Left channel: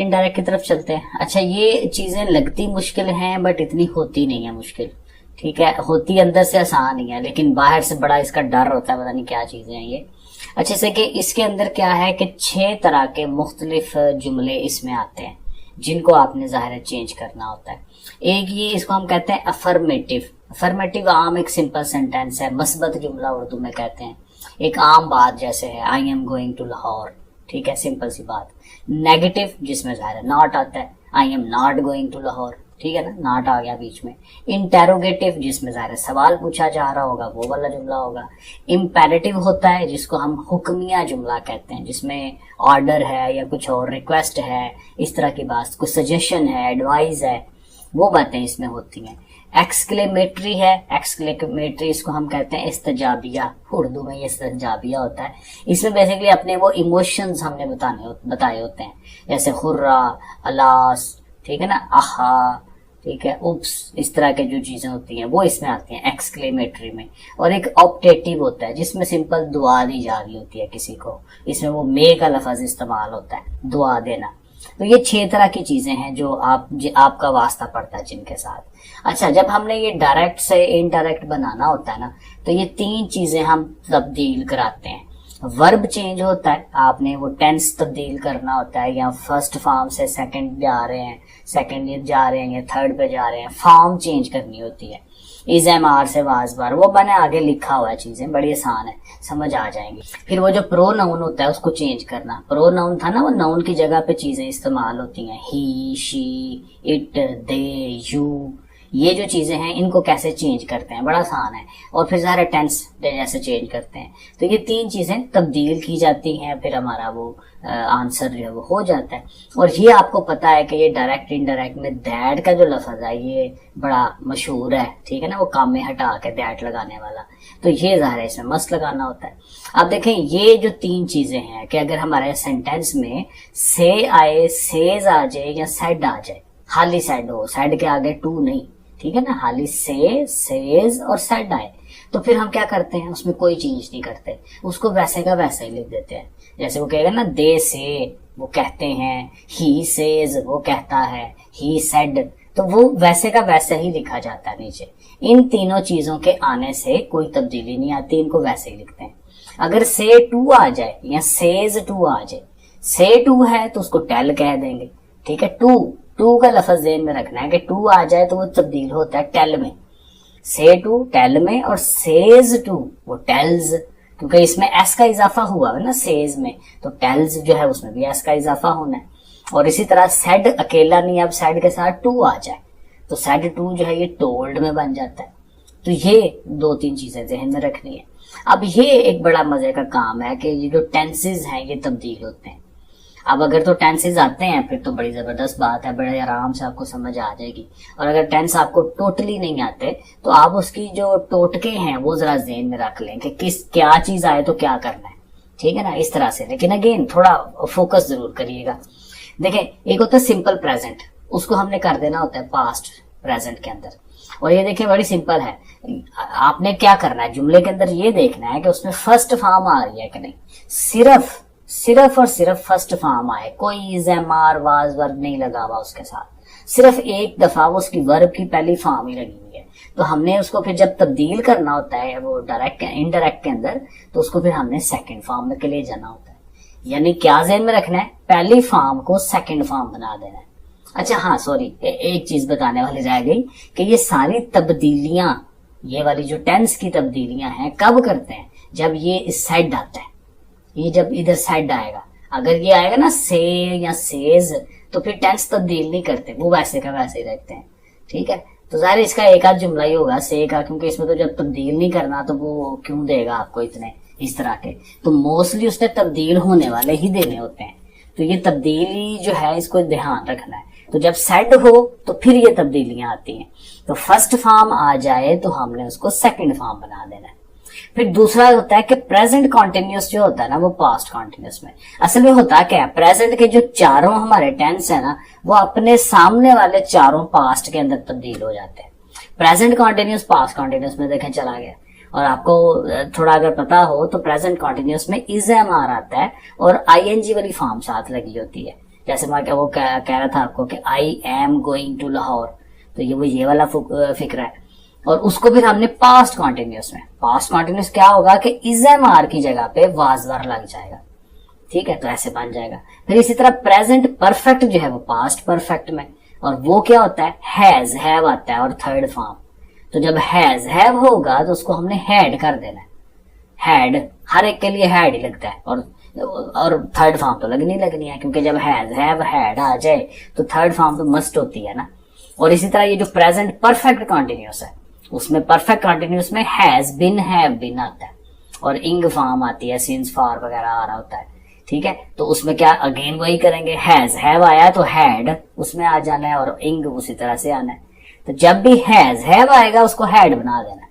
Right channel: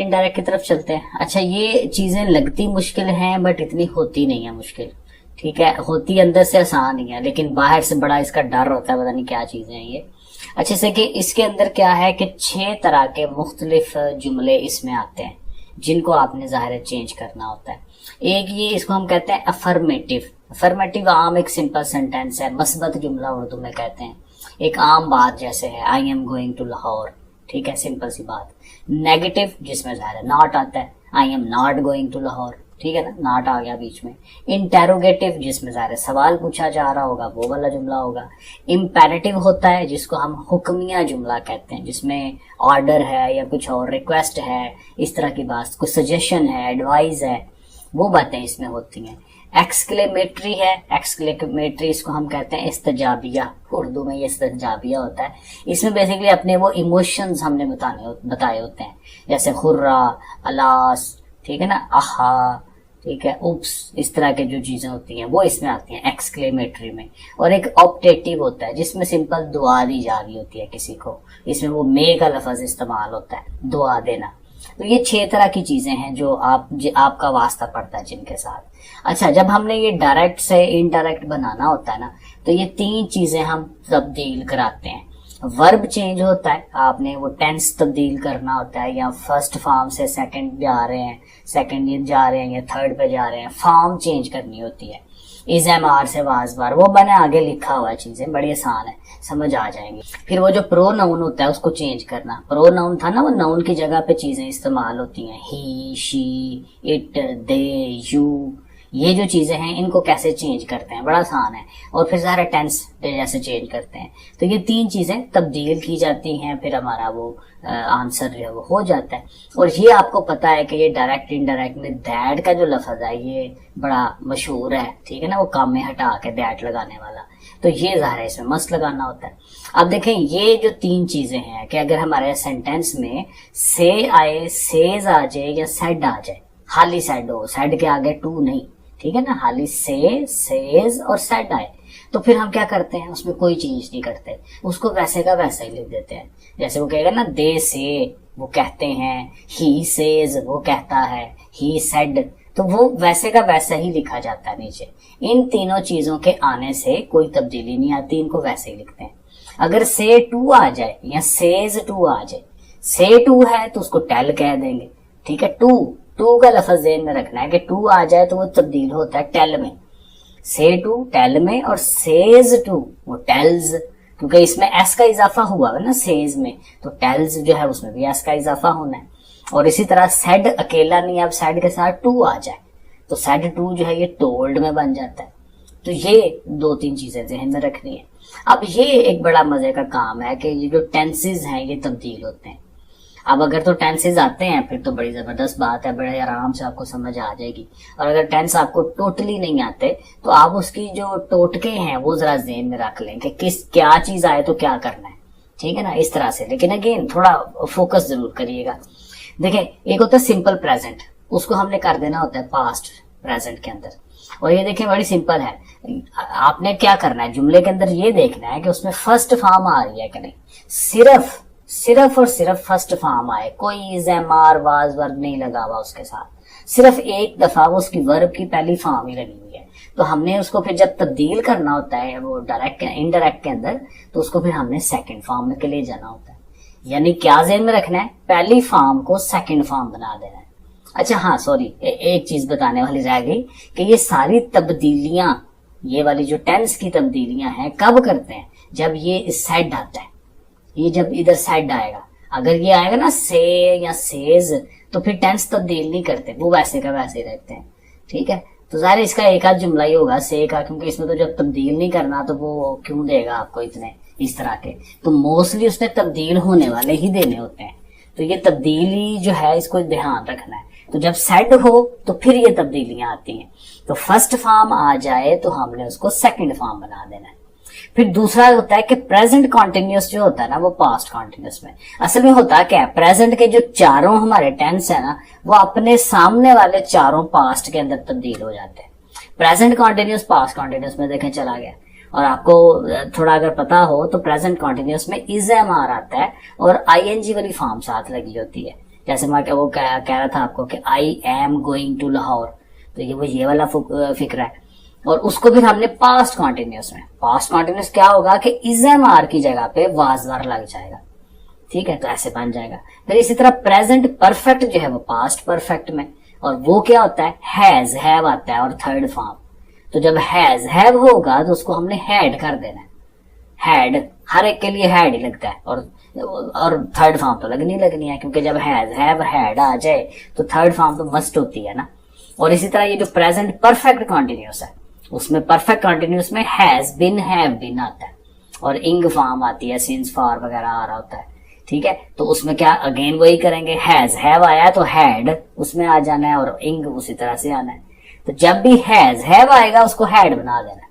Indirect की तरफ चलते हैं। अच्छा, ये चीजें लगती मुश्किल हैं बट इतनी होती नहीं है मुश्किल। ठीक है, होती अंदर से आसान ही है लेकिन बाहर से बड़ा इसका डर होता है, पता नहीं क्या चीजें हैं ये। अच्छे से कि इसके अंदर क्या है कि 6 तरह के मुख्तलिफ जुमले इसमें आते हैं जिनको आपने जाहिर चेंज करना होता है। एक ये इसको हम कहते हैं अफर्मेटिव। अफर्मेटिव आम एक सिंपल सेंटेंस है, मस्बत जुमला उर्दू में कहते हैं। एक आम बात जैसे है I am going to Lahore, ठीक है, सिंपल सी बात। नेगेटिव जिसमें जाहिर नॉट आता है, I am not going to Lahore, ठीक है ना, नॉट आ गया बीच में। इंटेरोगेटिव जिसमें जाहिर सवाल पूछा जा रहा होगा, वो वाला जुमला होगा। इम्पेरेटिव होता है जिसको हम हुक्मिया जुमला कहते हैं, जिसमें ऑर्डर है या कुछ और रिक्वेस्ट है, इस तरह की बात, कुछ सजेशन है, एडवाइस है, वो बातें इसमें होती हैं। एक्सक्लेमेटरी है, एक्सक्लेमेटरी इसको हम कहते हैं इस्तजाबिया, उर्दू में ये इस्तजाबिया होता है। इसमें बेसिकली अपने वो इमोशंस हमने बताए होते हैं, जैसे हुर्रा, अलास, ठीक है ना, आहा, ठीक है, उप्स, इस तरह के जो चीजें होती हैं वो इसमें आती हैं एक्सक्लेमेटरी में। और एक ऑप्टेटिव होता है जिसमें सिंपल दुआ दी जा रही होती है किसी को, इसमें वो मे का लफ्ज इस्तेमाल होता है, दुआ देना। तो ये 6 तरह की चीजें हैं जो आपका वास्ता पड़ता है जिनके साथ। अच्छा, जब हमने ये डायरेक्ट से इनडायरेक्ट बनाना होता है ना, तो ये 3 चीजें हम तब्दील कराते हैं। वर्ब चेंज होता है, आपने वो टेंस तब्दील करना होता है, या फर्स्ट फॉर्म से सेकंड जा रहे हैं, सेकंड जा रहे हैं या थर्ड पे जा रहे हैं, फॉर्म चेंज करनी होती है। इज एम आर से वाज बार, वो मैंने आगे लिखा हुआ है, चीजें बड़ी आसान है, समझ आ जाएंगी। फिर वो जो प्रो नाउन होता है उसको चेंज करना। प्रो नाउन था ना, वो नाउन की जगह पे चीजें इस्तेमाल होती हैं, ही, शी, इट, दे, यू, ये जो चीजें हैं इनको कैसे चेंज करते हैं, बड़ा आसान है। और फिर सारे टेंस जैसे चेंज करते हैं। तो ये 3 चीजें तब्दील की जाती हैं, फिर हमारा वो आंसर जो है वो हो जाता है। और ये आपको पता है कि ये डायरेक्ट इनडायरेक्ट में दैट का जो लफ्ज है ये बड़ा मशहूर है, ठीक है ना, वो काम में हटा के दैट लगाने वाला। तो ये ज़ाहिर है इसमें मस्त लगाना होता है। अब देखें ये जो 3 चीजें हैं कि अगर हमारे सेंटेंस में से आए, सेज आ जाए या सेड आ जाए, खाली सेड हो, सेड के आगे टू नहीं, ठीक है ना, खाली से, सेज और सेड आए, तो फिर हम क्या करते हैं, उसमें कोई चेंज नहीं करते, उसको वैसे का वैसा ही लिख देते हैं। जैसे वो कहेगा ना दे से, वो कहते हैं, ही सेज, वो कहता है, ही सेड, तो वो वैसे का वैसा ही लिखा जाता है नीचे। इन तीनों चीजों के आने से कोई तब्दीली नहीं आती, इनको वैसे ही लिखते हैं। अगर से टू आ जाए या सेज टू आ जाए, से टू है तो उसको टेल कह देंगे, ठीक है, टू का लफ्ज ज़हन में रखना है कि टू आ जाए तो वो तब्दील होता है टेल में, से टू टेल में, और सेज टू वो टेल्स, क्योंकि इसमें एस का इजाफा हुआ है ना सेज में, तो टेल्स जो है उसमें भी एस का इजाफा होना है। और इसी तरह सेड अकेला नहीं, अब सेड के साथ टू आ जाए तो सेड टू जो है ये टोल्ड में बन जाता है। तो ये 2-3 चीजें ज़हन में रखनी है। अब ये एक बड़ा मजे का काम है कि ये जो टेंसेज हैं ये तब्दील होते हैं। अब अगर तो टेंसेज आते हैं फिर तो बड़ी जबरदस्त बात है, बड़े आराम से आपको समझ आ जाएगी। और अगर टेंस आपको टोटली नहीं आते तो आप उसकी जो टोटके हैं वो जरा ज़हन में रख लें कि क्या चीज आए तो क्या करना है, ठीक है ना, इस तरह से। लेकिन अगेन थोड़ा फोकस जरूर करिएगा। देखें, एक होता है सिंपल प्रेजेंट, उसको हमने कर देना होता है पास्ट प्रेजेंट के अंदर। और ये देखिए बड़ी सिंपल है, आपने क्या करना है, जुमले के अंदर ये देखना है कि उसमें फर्स्ट फॉर्म आ रही है कि नहीं, सिर्फ और सिर्फ फर्स्ट फॉर्म आए, कोई is, am, are, was, verb नहीं लगा हुआ उसके साथ, सिर्फ एक दफा वो उसकी वर्ब की पहली फॉर्म ही लगी हुई है। तो हमने उसको फिर जब तब्दील करना होता है वो डायरेक्ट इनडायरेक्ट के अंदर, तो उसको फिर हमने सेकंड फॉर्म में के लिए जाना होता है। यानी क्या ज़हन में रखना है, पहली फॉर्म को सेकंड फॉर्म बना देना है। अच्छा हाँ सॉरी, एक चीज बताने वाली रह गई कि ये सारी तब्दीलियां, ये वाली जो टेंस की तब्दीलियां हैं कब करते हैं, जब ये साइड आता है, ये जब इधर साइड आएगा, अगर ये आएगा ना से या सेज, तो फिर टेंस तब्दील नहीं करते, वो वैसे का वैसे ही रखते हैं, ठीक है। तो ज़ाहिर इसका एक आध जुमला ही होगा से का, क्योंकि इसमें तो जब तब्दील नहीं करना तो वो क्यों देगा आपको इतने इस तरह के, तो मोस्टली उसने तब्दील होने वाले ही देने होते हैं। तो ये तब्दीली जो है इसको ध्यान रखना है। तो जब सेड हो तो फिर ये तब्दीलियां आती हैं, तो फर्स्ट फॉर्म आ जाए तो हमने उसको सेकंड फॉर्म बना देना है। फिर दूसरा होता है कि प्रेजेंट कॉन्टिन्यूस जो होता है ना वो पास्ट कॉन्टिन्यूस में, असल में होता क्या है, प्रेजेंट के जो चारों हमारे टेंस है ना वो अपने सामने वाले चारों पास्ट के अंदर तब्दील हो जाते हैं। प्रेजेंट कॉन्टिन्यूस पास्ट कॉन्टिन्यूस में देखें चला गया। और आपको थोड़ा अगर पता हो तो प्रेजेंट कॉन्टिन्यूस में इज एम आर आता है और आईएनजी वाली फॉर्म साथ लगी होती है, जैसे मैं वो कह रहा था आपको कि I am going to Lahore, तो ये वाला फिक्र है। और उसको फिर हमने पास्ट कॉन्टिन्यूस में, पास्ट कॉन्टिन्यूस क्या होगा कि इज़म आर की जगह पे वाज वर लग जाएगा, ठीक है, तो ऐसे बन जाएगा। फिर इसी तरह प्रेजेंट परफेक्ट जो है वो पास्ट परफेक्ट में, और वो क्या होता है, हैज हैव आता है और थर्ड फॉर्म। तो जब हैज हैव होगा तो उसको हमने हैड कर देना है, हैड, हर एक के लिए हैड ही लगता है, और थर्ड फॉर्म तो लगनी है, क्योंकि जब हैज हैव हैड आ जाए तो थर्ड फॉर्म तो मस्ट होती है ना। और इसी तरह ये जो प्रेजेंट परफेक्ट कॉन्टिन्यूस है उसमें परफेक्ट कॉन्टिन्यूस में हैज बिन हैव बिन आता है, और इंग फॉर्म आती है, सिंस फॉर वगैरह आ रहा होता है, ठीक है। तो उसमें क्या अगेन वही करेंगे, हैज हैव आया तो हैड उसमें आ जाना है और इंग उसी तरह से आना है। तो जब भी हैज हैव आएगा उसको हैड बना देना,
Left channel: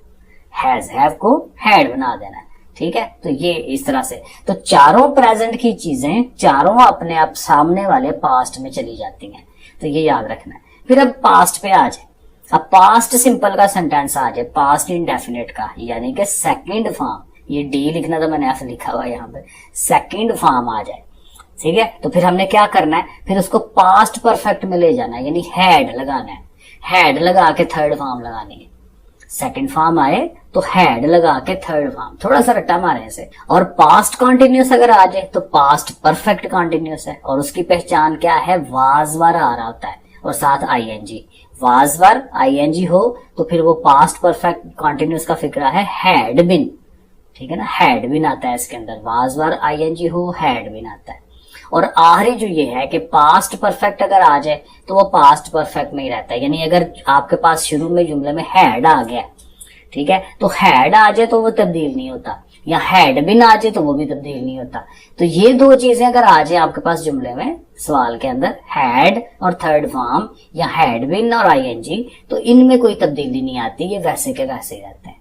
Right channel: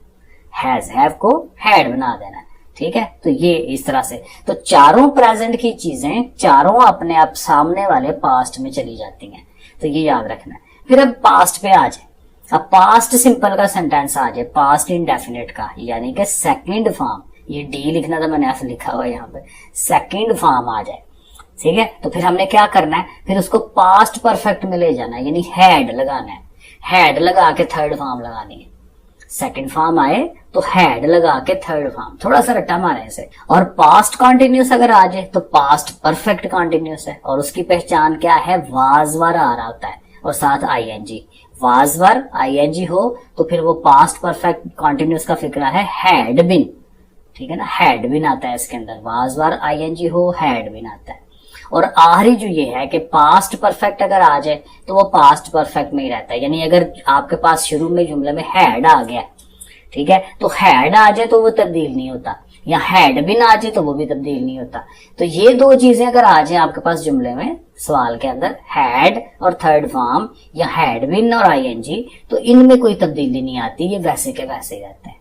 हैज हैव को हैड बना देना, ठीक है। तो ये इस तरह से, तो चारों प्रेजेंट की चीजें चारों अपने आप सामने वाले पास्ट में चली जाती हैं, तो ये याद रखना है। फिर अब पास्ट पे आ जाए, अब पास्ट सिंपल का सेंटेंस आ जाए, पास्ट इंडेफिनिट का, यानी कि सेकंड फॉर्म, ये डी लिखना था मैंने ऐसे लिखा हुआ यहाँ पे, सेकंड फॉर्म आ जाए, ठीक है। तो फिर हमने क्या करना है, फिर उसको पास्ट परफेक्ट में ले जाना है, यानी हैड लगाना है, हैड लगा के थर्ड फॉर्म लगानी है। सेकंड फॉर्म आए तो हैड लगा के थर्ड फॉर्म, थोड़ा सा रट्टा मारे इसे। और पास्ट कॉन्टिन्यूस अगर आ जाए तो पास्ट परफेक्ट कॉन्टिन्यूस है, और उसकी पहचान क्या है, वाज वर आ रहा होता है और साथ आईएनजी, वाज वर आईएनजी हो तो फिर वो पास्ट परफेक्ट कॉन्टिन्यूस का फिक्रा है हैड बिन, ठीक है ना, हैड बिन आता है इसके अंदर, वाज वर आईएनजी हो हैड बिन आता है। और आखिरी जो ये है कि पास्ट परफेक्ट अगर आ जाए तो वो पास्ट परफेक्ट में ही रहता है, यानी अगर आपके पास शुरू में जुमले में हैड आ गया, ठीक है, तो हैड आ जाए तो वो तब्दील नहीं होता, या हैड बिन आ जाए तो वो भी तब्दील नहीं होता। तो ये दो चीजें अगर आ जाए आपके पास जुमले में, सवाल के अंदर, हैड और थर्ड फॉर्म या हैड बिन और आईएनजी, तो इनमें कोई तब्दीली नहीं आती, ये वैसे के वैसे ही रहते हैं।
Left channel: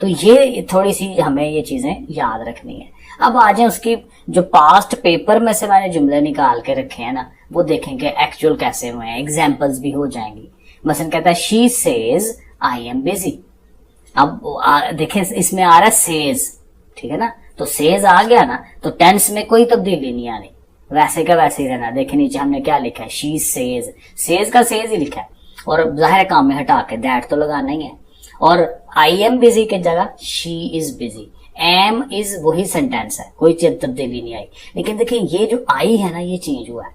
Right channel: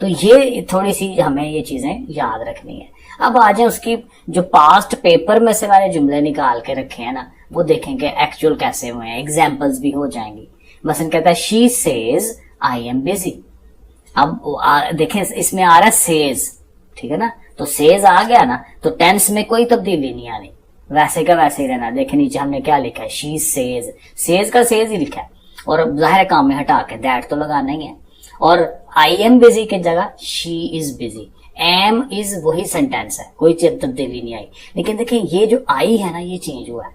तो ये थोड़ी सी हमें ये चीजें याद रखनी है। अब आ जाए उसकी जो पास्ट पेपर में से मैंने जुमले निकाल के रखे हैं ना, वो देखेंगे एक्चुअल कैसे हुए हैं, एग्जाम्पल्स भी हो जाएंगी। मसलन कहता है she says I am busy, अब देखें इसमें आ रहा है सेज, ठीक है ना, तो सेज आ गया ना तो टेंस में कोई तब्दीली नहीं आनी, वैसे का वैसे ही रहना। देखे नीचे हमने क्या लिखा है, शी सेज, सेज का सेज ही लिखा है, और जाहिर काम में हटा के दैट तो लगाना ही है, और आई एम बिजी की जगह she is busy, am is वही सेंटेंस है, कोई तब्दीली नहीं आई। लेकिन देखिए ये जो आई है ना ये चेंज हुआ है।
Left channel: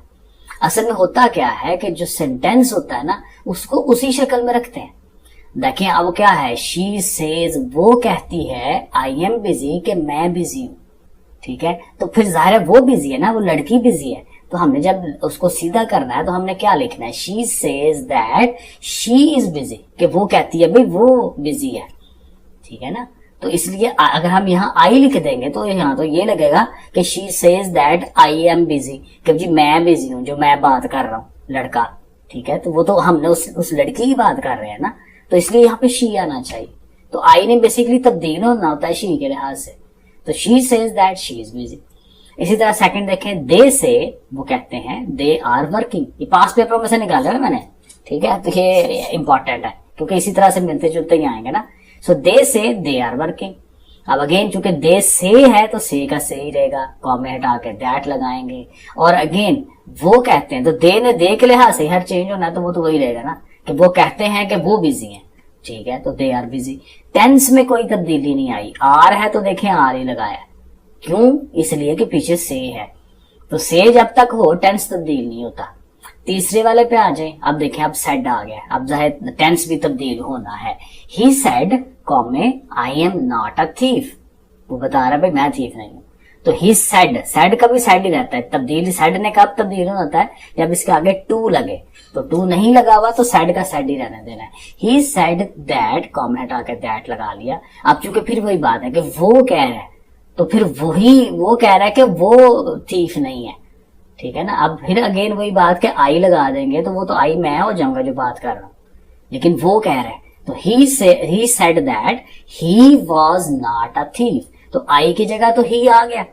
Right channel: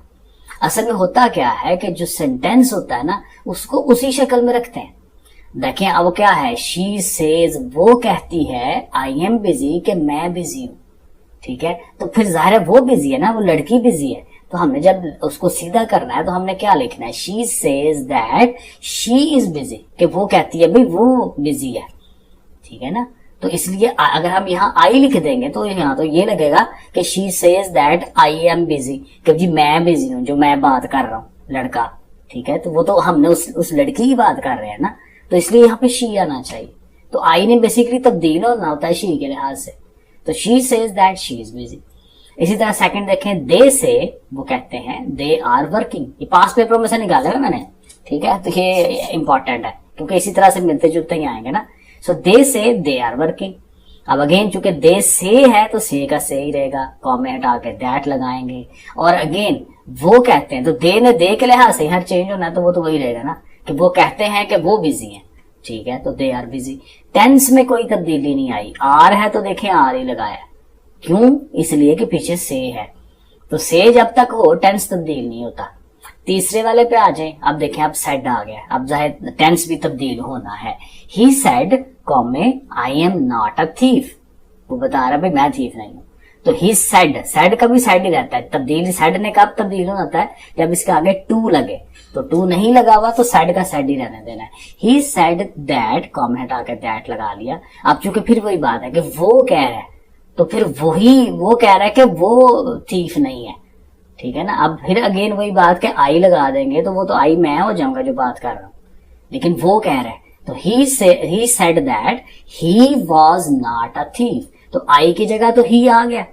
असल में होता क्या है कि जो सेंटेंस होता है ना उसको उसी शक्ल में रखते हैं। देखिए अब क्या है, शी सेज, वो कहती है आई एम बिजी कि मैं बिजी हूं, ठीक है। तो फिर जाहिर है वो बिजी है ना, वो लड़की बिजी है, तो हमने जब उसको सीधा करना है तो हमने क्या लिखना है, she says that she is busy, कि वो कहती है भाई वो बिजी है, ठीक है ना। तो इसलिए अगर हम यहाँ आई लिख देंगे तो यहाँ तो ये लगेगा कि she says that I am busy, कि जी मैं बिजी हूँ, जो मैं बात कर रहा हूँ लड़का, ठीक है। तो वो तो हमने उस लड़की की बात कर रहे हैं ना, तो इसलिए यहाँ पे शी आना चाहिए। तो आई ने बेसिकली तब्दील होना होता है शी के लिहाज से, तो she says that she is busy. इसी तरह सेकंड देखें, दे से, वो कहते हैं दे आर वर्किंग, ये पास्ट पेपर में से निकाला है मैंने, ठीक है। तो ये इंपॉर्टेंट है क्योंकि इसी तरह से मिलते जुलते ही आएंगे ना। सो दे से दे आर वर्किंग, अब अगेन चूंकि दे से है तो से का से ही रहेगा, कॉमे हटा के दैट लगाएंगे। और अगेन वो कहते हैं, तो दे ने दे के लिहाज से हर चेंज होना, तो वो तो वही रहेगा ना कि वो कहते हैं कि वो बिजी है, ठीक है, तो दे आर बिजी। टेंस में कोई तब्दीली नहीं आई, आर है तो देखें आर ही लगाया, क्यों, इसलिए कि पीछे से है, तो से जब तक हो टेंस तब्दील नहीं होता। तीसरे वाले पे आ जाए, अब देखें अब सेड आ गया, अब जाहिर टेंस भी तब्दील होना है। He said comma I am not a thief, वो बता रहा है भाई मैं थीफ नहीं हूं, तो ही सेड, सेड का भी सेड ही रहता है, तब्दील सेड ने कब तब्दील होता है, जब इसके आगे टू लगे, तो टू नहीं लगा हुआ तो सेड का सेड ही रहने देना है। ही सेड दैट, कॉमे हटा के दैट लगा लिया। अब चूंकि फिर वही बात है कि वो कह रहा है, तो फिर वही वो कह रहा है कि वो थीफ नहीं है, ठीक है ना। अब फिर अगेन वही बात कि आई लगा देंगे तो वो तो आई मैं हो जाऊंगा जो बात कर रहा हूं, लेकिन वो कह रहा है, तो he said that he was not a thief, तो आई की जगह तो ही आ गया,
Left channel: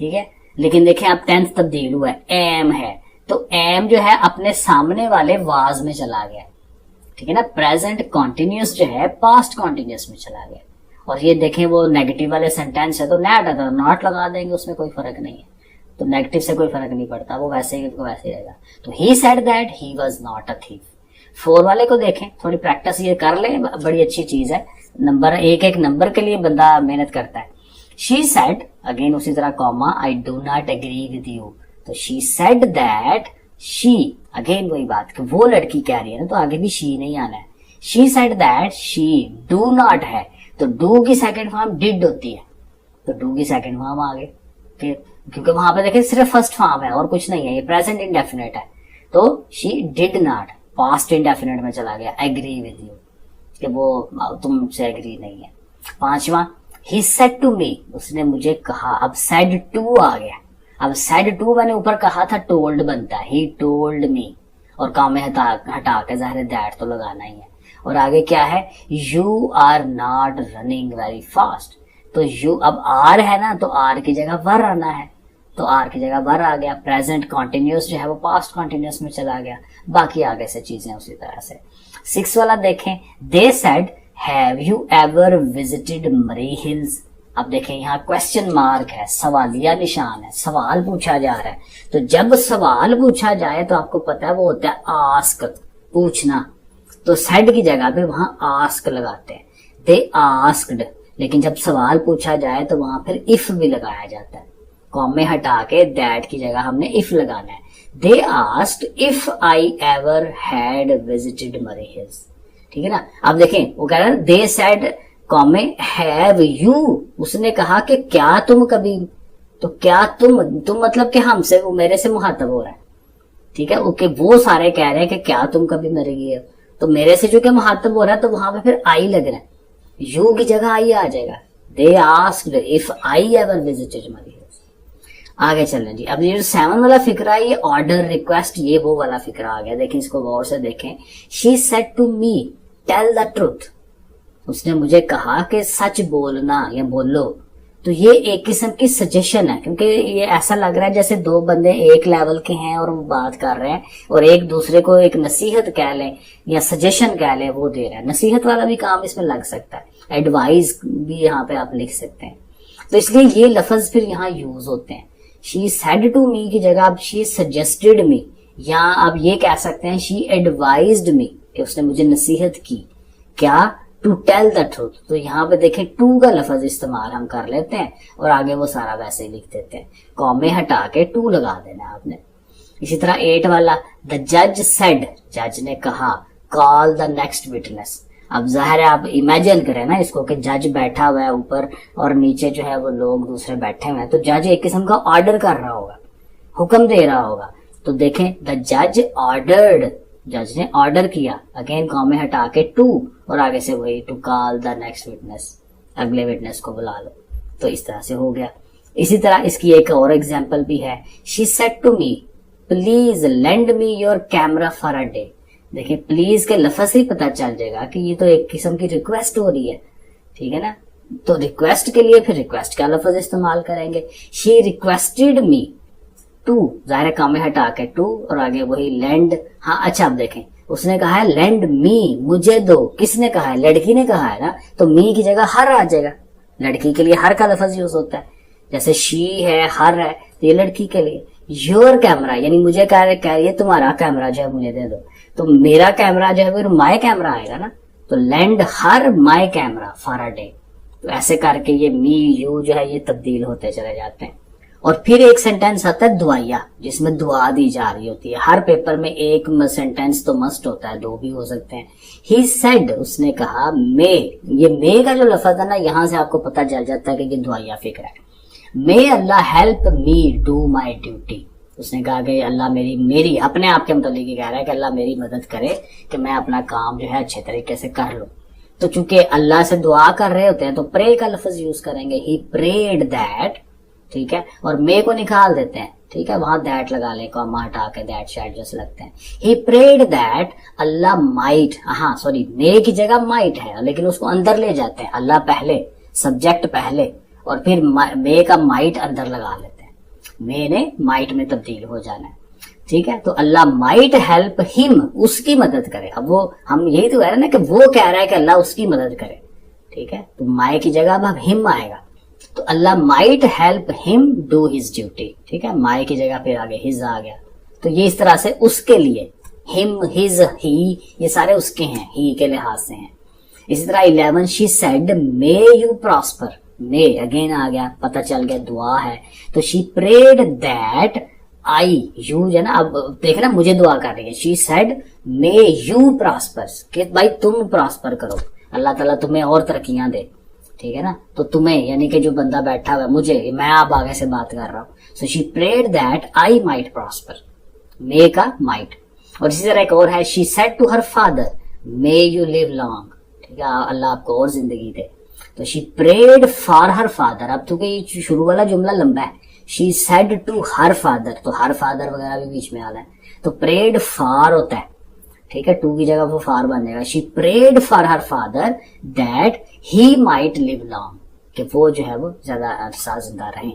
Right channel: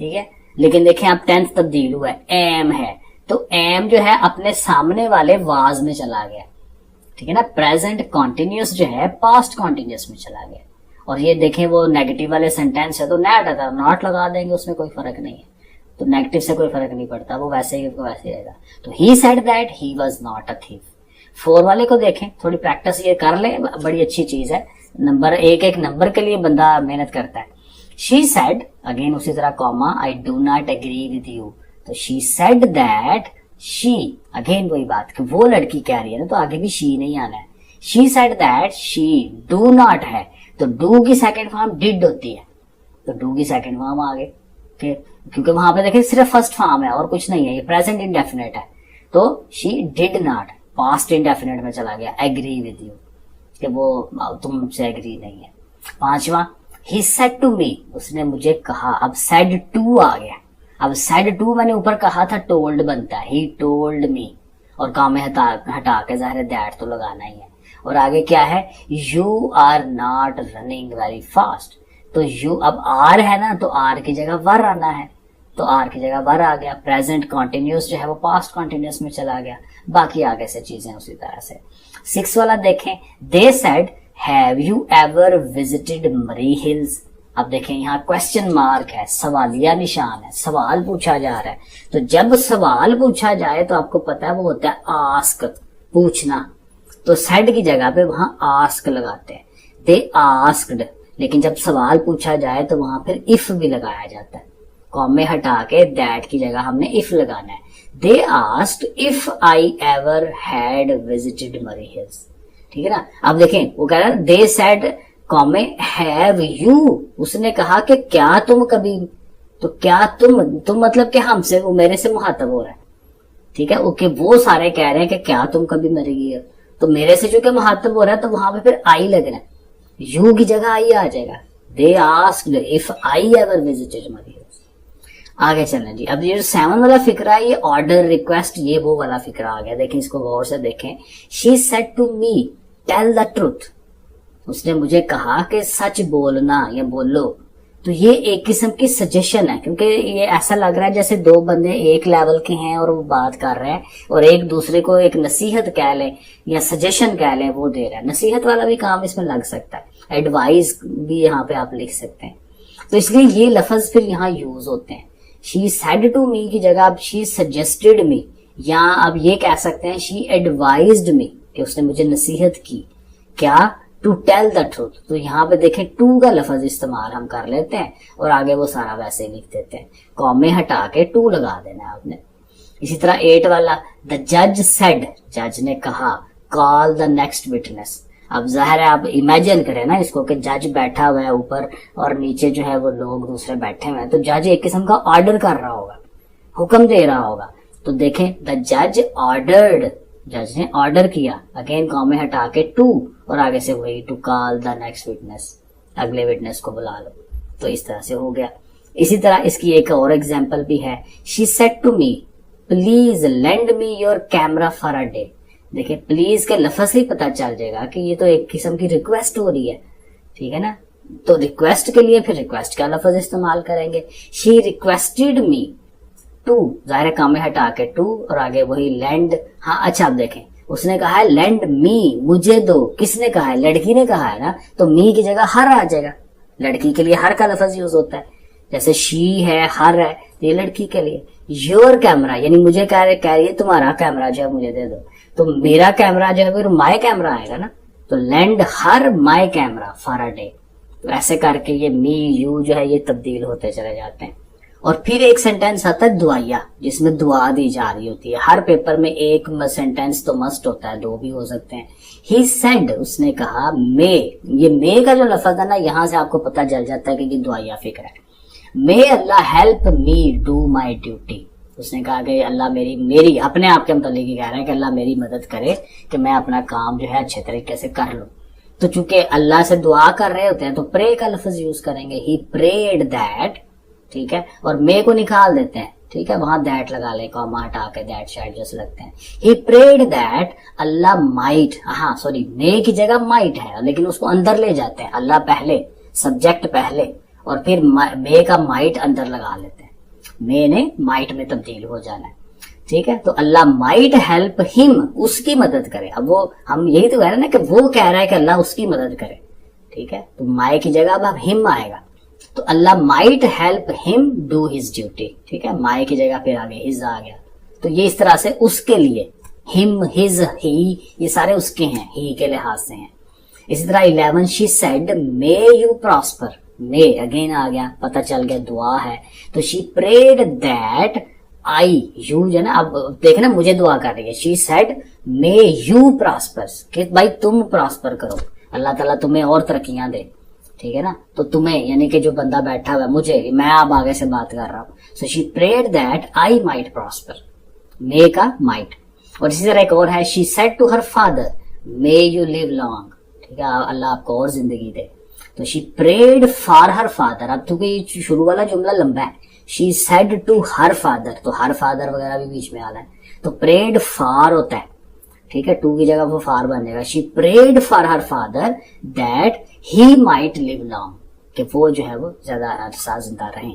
ठीक है। लेकिन देखें अब टेंस तब्दील हुआ है, एम है, तो एम जो है अपने सामने वाले वाज में चला गया, ठीक है ना। प्रेजेंट कॉन्टिन्यूस जो है पास्ट कॉन्टिन्यूस में चला गया। और ये देखें वो नेगेटिव वाले सेंटेंस है तो नॉट आता, नॉट लगा देंगे, उसमें कोई फर्क नहीं है, तो नेगेटिव से कोई फर्क नहीं पड़ता, वो वैसे ही तो वैसे ही रहेगा। तो he said that he was not a thief. 4 वाले को देखें, थोड़ी प्रैक्टिस ये कर ले, बड़ी अच्छी चीज है। नंबर एक नंबर के लिए बंदा मेहनत करता है। शी सेड, अगेन उसी तरह comma, I do not agree with you. तो she said that she, again वही बात कि वो लड़की कह रही है ना, तो आगे भी शी नहीं आना है। She said that she do not है, तो डू की सेकंड फॉर्म डिड होती है, तो डू की सेकंड फॉर्म आ गई, क्योंकि वहां पे देखिए सिर्फ फर्स्ट फॉर्म है और कुछ नहीं है, ये प्रेजेंट इंडेफिनेट है। तो she did not, past indefinite में चला गया, एग्री विद यू, कि वो तुमसे एग्री नहीं है। 5वां, ही सेड टू मी, उसने मुझे कहा। अब सेड टू आ गया। अब सेड टू मैंने ऊपर कहा था टोल्ड बनता है, ही टोल्ड मी, और काम में हटा के जाहिर दैट तो लगाना ही है। और आगे क्या है, you are not running very fast. तो यू, अब आर है ना, तो आर की जगह वर आना है, तो आर की जगह वर आ गया। प्रेजेंट कॉन्टिन्यूस जो है वो पास्ट कॉन्टिन्यूस में चला गया। बाकी आगे से चीजें उसी तरह से। 6 वाला देखें, they said have you ever visited मरी हिल्स। अब देखें यहाँ क्वेश्चन मार्क है, सवालिया निशान है, सवाल पूछा जा रहा है। तो जब सवाल पूछा जाए तो आपको पता है वो होता है आस्क, पूछना। तो सेड की जगह पे वहां आस्क लगाते हैं, दे आस्क्ड। लेकिन जब सवाल पूछा जाए तो वहां फिर इफ भी लगाया जाता है, कॉमे हटा के दैट की जगह हमने इफ लगाना है। They asked if I ever had visited मरी हिल्स, ठीक है ना। अब देखें वो कह रहा है दे सेड कॉमे हैव यू, उसने कहा कि क्या तुम कभी, तो क्या तुम मतलब कि हमसे, वो मेरे से मुहातब हो रहा है, ठीक है। ओके, वो सारे कह रहे हैं कि क्या तुम कभी मरेगी, तो मेरे से चूंकि मुहातब हो रहा है तो वहां पे फिर आई लग रहा है, यू की जगह आई आ जाएगा। They asked if I ever visited मरी हिल्स। आगे चलना जी। अब ये 7 वाला फिक्रा है, ये ऑर्डर रिक्वेस्ट, ये वो वाला फिक्रा आ गया। देखें इसको गौर से देखें। She said to me tell the truth, उसने मुझे कहा कि सच बोलना या बोलो। तो ये एक किस्म की सजेशन है, क्योंकि ये ऐसा लग रहा है जैसे 2 बंदे एक लेवल के हैं और वो बात कर रहे हैं और एक दूसरे को एक नसीहत कह ले या सजेशन कह ले, वो दे रहा है। नसीहत वाला भी काम इसमें लग सकता है, एडवाइस भी यहाँ पे आप लिख सकते हैं। तो इसलिए ये लफ्ज फिर यहाँ यूज होते हैं। शी सेड टू मी की जगह आप शी सजेस्टेड मी, या आप ये कह सकते हैं शी एडवाइज्ड मी, कि उसने मुझे नसीहत की, क्या, टू टेल द ट्रूथ। तो यहाँ पे देखें टू का लफ्ज इस्तेमाल हम कर लेते हैं और आगे वो सारा वैसे लिख देते हैं, कॉमे हटा के टू लगा देना है आपने। इसी तरह 8 वाला, द जज सेड, जज ने कहा, कॉल द नेक्स्ट विटनेस। अब जाहिर है आप इमेजिन करें ना इसको कि जज बैठा हुआ है ऊपर और नीचे जो है वो लोग दूसरे बैठे हुए हैं, तो जज एक किस्म का ऑर्डर कर रहा होगा, हुक्म दे रहा होगा। तो देखें द जज ऑर्डर्ड, जज ने ऑर्डर किया, अगेन कॉमे हटा के टू और आगे से वही to call the next witness, अगले विटनेस को बुला लो। तो इस तरह से हो गया। इसी तरह इसकी एक और एग्जांपल भी है, she said to me please lend me your camera for a day. देखिए प्लीज के लफ्ज से ही पता चल जाएगा कि ये तो एक किस्म की रिक्वेस्ट हो रही है, ठीक है ना। तो रिक्वेस्ट के लिए फिर रिक्वेस्ट का लफ्ज इस्तेमाल करेंगे। शी रिक्वेस्टेड मी टू, जाहिर काम में हटा के टू और आगे वही लैंड। हाँ अच्छा, अब देखें उसने कहा है लैंड मी, मुझे दो। किसने कहा है? लड़की ने कहा है ना, तो मी की जगह हर आ जाएगा। लड़की के लिए हर का लफ्ज यूज होता है, जैसे शी है, हर है, ये लड़की के लिए। योर कैमरा यानी मुझे कह रही है तुम्हारा कैमरा जो है मुझे दे दो, तो मेरा कैमरा जो है फिर माई कैमरा आएगा ना, तो land her my camera for a day. तो ऐसे करके ये मी यू जो है ये तब्दील होते चले जाते हैं। और फिर एक सेंटेंस आता है दुआया, जिसमें दुआ दी जा रही होती है। हर पेपर में एक सेंटेंस तो मस्ट होता है, 2 भी हो सकते हैं। ही सेड, उसने कहा, मे, ये मे का जो लफ्ज है ना, यहां से आपको पता चल जाता है कि ये दुआया फिक्र है। May Allah help me do my duty, उसने कहा कि अल्लाह मेरी अपने आप के मतलब कह रहा है कि अल्लाह मेरी मदद करे कि मैं अपना काम जो है अच्छे तरीके से कर लूं। तो चूंकि अल्लाह से दुआ कर रहे होते हैं तो प्रे का लफ्ज यूज करेंगे, ही प्रेड दैट, ठीक है। और मे को निकाल देते हैं, ठीक है, वहां दैट लगा ले, कॉमा हटा के दैट शायद जैसे लगते हैं। He prayed that Allah might, हाँ सॉरी, मे की जगह माइट है लेकिन उसको अंदर ले जाते हैं, अल्लाह पहले, सब्जेक्ट पहले, और फिर मे का माइट अंदर लगा लेते हैं। मे ने माइट में तब्दील हो जाना है, ठीक है। तो अल्लाह माइट हेल्प हिम, उसकी मदद करे। अब वो हम यही तो कह रहे हैं ना कि वो कह रहा है कि अल्लाह उसकी मदद करे, ठीक है। तो माई की जगह अब हिम आएगा, तो Allah might help him do his duty, ठीक है, माई की जगह पे आगे हिज आ गया, तो ये इस तरह से उसके लिए, हिम, हिज, ही, ये सारे उसके हैं, ही के लिहाज से हैं। इसी तरह 11 she said may you prosper, may again आ गया, पता चल गया दुआ है, तो she prayed that I, you जो ना, अब देखना मुझे दुआ कर रही है, she said may you prosper, कि भाई तुम प्रॉस्पर करो, अल्लाह ताला तुम्हें और तरक्कियां दे, ठीक है ना, तो तुम्हें यानी कि जो बंदा बैठा हुआ है, मुझे, मैं अब आगे से बात कर रहा हूं, so she prayed that I might prosper, may का माइट। और इसी तरह एक और है, she said to her father may you live long, ठीक है, अल्लाह आपको और जिंदगी दे, तो she prayed for her father, अब क्योंकि ये शुरू वाला जुमला लंबा है, she said to her father, तो हर फादर वगैरह भी बीच में आ रहा है, तो प्रेड फॉर होता है, ठीक है, टू की जगह वो फार बन जाएगा, she prayed for her father that he might live long, कि वो जो है वो ज्यादा अरसा जिंदा रहे।